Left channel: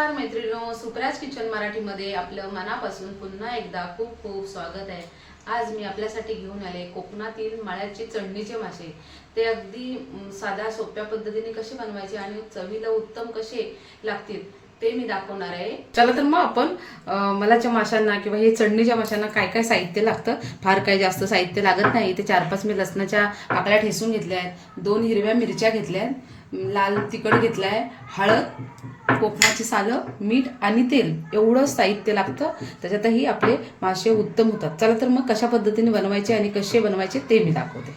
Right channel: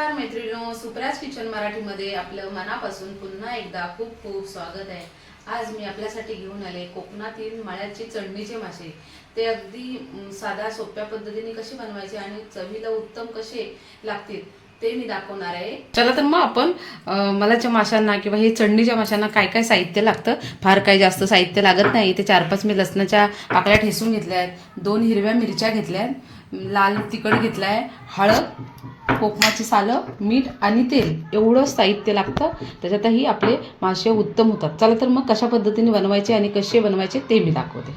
भूषण मराठीमध्ये आपलं मनापासून पुन्हा एकदा खूप खूप स्वागत आहे. आज मी आपल्यासाठी घेऊन आले कोकणातील माळ्याची चढणीचे मासे. ते अगदी साध्या सोप्या पद्धतीने कसे बनवायचे आणि चवीला उत्तम कसे लागतील ते मी दाखवणार आहे. चला तर मग आपण मलाच्या माशांना किंवा हे चढणीच्या माशांना काय काय साहित्य लागतं? फार काही जास्त साहित्य लागत नाही. ते चार पाच मी लसणाच्या पाकळ्या ठेसून घेतल्या आहेत. दोन हिरव्या मिरच्या घेतल्या आहेत. लाल तिखट घेतलं आहे हळद कोकमाची सालं मीठ आणि तेल. एवढं साहित्य लागतं. त्याच्यातही आपले मासे उत्तम होतात. चला तर मग कशा पद्धतीने बनवायचे आणि कसे बनवायचे ते मी दाखवते.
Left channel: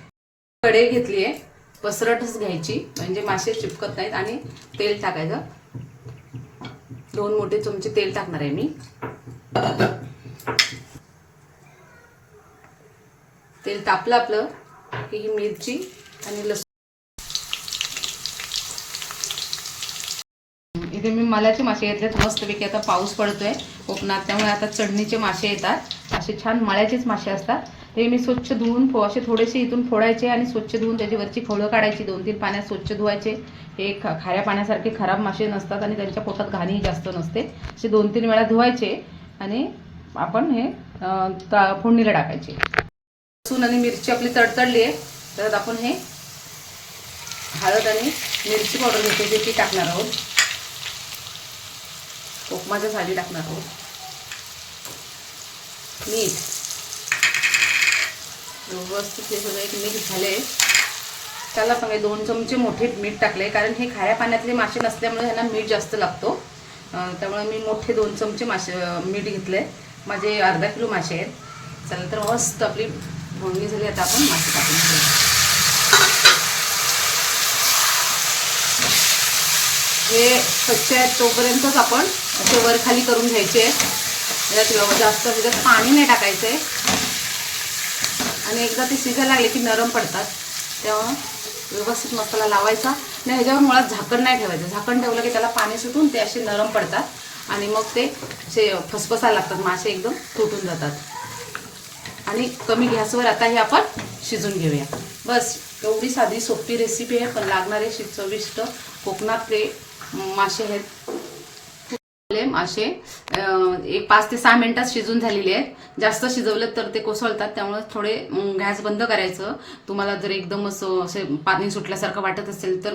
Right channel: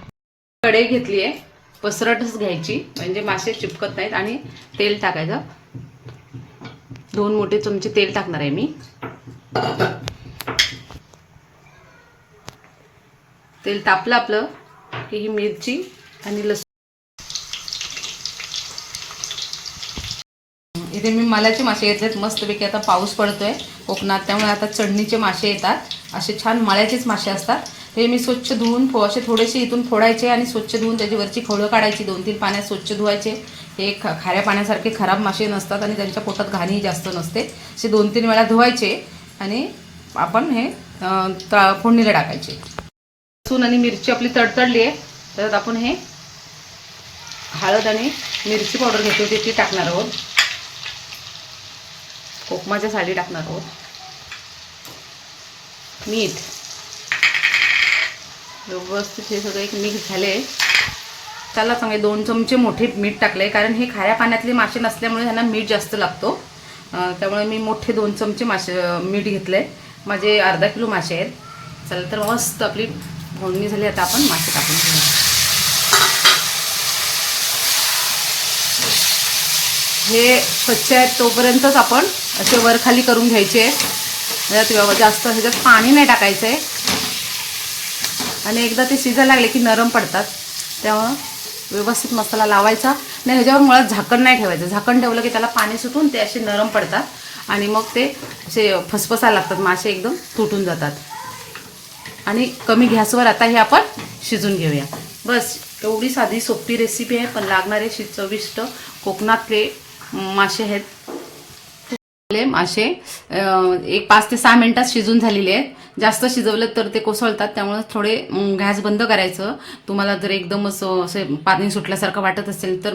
कढई घेतली आहे. पसरटच घ्यायची. म्हणजे मासे चिपकत नाहीत आणि तेल टाकायचं. दोन मोठे चमचे तेल टाकणार आहे मी. तेल तापलं आपलं की ही मिरची आणि लसूण. इथे मी मलाचे मासे घेतलेत मस्तपैकी आता पाऊस पडतोय कोकणात. त्यामुळे आता चढणीचे मासे येतात. असे छान मळ्याचेच मासे असतात. ते मी स्वच्छ धुवून फो- असे थोडेसे इथून फोडायचे आणि स्वच्छ धुवून त्याची वरची खवळं काढायची. दोन तीन पाण्यात स्वच्छ धुवायचे. हे ख- खाऱ्या पाण्यासारखे खराब मासे नसतात आणि त्यांच्या पोटात घाणीही जास्त नसते. असे दोन तीन वेळा धुवायचे आणि आपण हे फोडणीला टाकायचे. लसूण आणि मिरची आपली तडतडली आहे. तर आपण हे हळद आणि मिरची पावडर घेते ते ती टाकणार आहोत. कोकमाच्या साडी टाकणार आहोत. मीठ. व्यवस्थित हे सगळं एक मिक्स झाले. त्याला सांगे दोन चमचे मोठे मीठ टाकले कारण हे खाऱ्या पाण्यातले मासे नसल्यामुळे ह्यांना मीठ जास्त लागतो. त्यामुळे मी मोठे दोन चमचे मासे मीठ घेतले माझे अर्धा किलो मासे आहेत. चला तर मस्त आपली भोंगणी झाली आता आपण मासे टाकून हे स्वच्छ आहेत तोपर्यंतच आपण असे वर खाली करून घ्यायचे त्याच्यात जास्त ह्याच्यात पाणी नाही टाकायचं आहे. आणि एकदा ते शिजायला लागले की नरम पडतात. तेव्हा व्यवस्थित मसाला लावायचा. आणि ह्याच्यावर मुळात झाकण नाही ठेवायचं. झाकण ठेवलं की त्याला पाणी सुटून ते असे नरम पडतात. आणि मग ते असे फसफसायला लागतात. मासे एकदम तुटून जातात. आणि कमी गॅसवर आता हे आपण शिजून घेऊया. बस एवढी साधी सोपी रेसिपी आहे पण लागणारे चविष्ट कोकणातले मासे आहेत. मासे एक पाच ते सहा मिनिटात शिजून झालेले आहेत. जास्त शिजवले तर ते कोसळतात त्यामुळे थोडे गॅस बंद करायचं. तुम्हाला जर एकदम असं असे पाणी सुटल्यासारखं वाटत असेल तर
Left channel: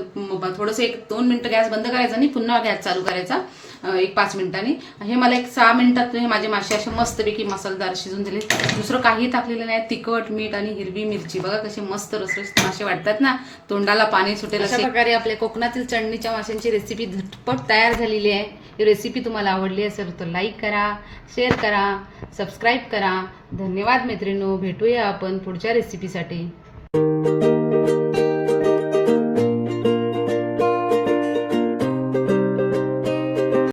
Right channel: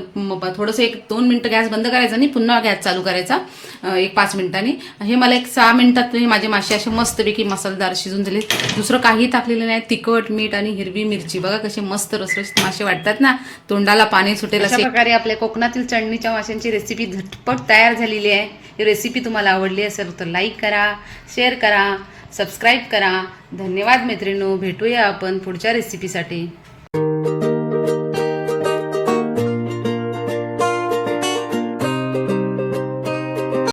थोडंसं एक दोन मिनटं गॅस बंद करायचा आणि पुन्हा गॅस चालू करायचा. एक पाच मिनिटांनी. हे मला एक सहा मिनिटात हे माझे मासे असे मस्तपैकी मसालेदार शिजून झाले. दुसरं काही टाकलेलं नाही. तिखट मीठ आणि हिरवी मिरची. बघा कशी मस्त रसरस मासे वाटतात ना. तोंडाला पाणी सुटेल अशा प्रकारे आपल्या कोकणातील चटणीच्या माशांची रेसिपी झटपट तयार झालेली आहे. ही रेसिपी तुम्हाला आवडली असेल तर लाईक करा शेअर करा सबस्क्राईब करा. धन्यवाद मैत्रिणू भेटूया आपण पुढच्या रेसिपीसाठी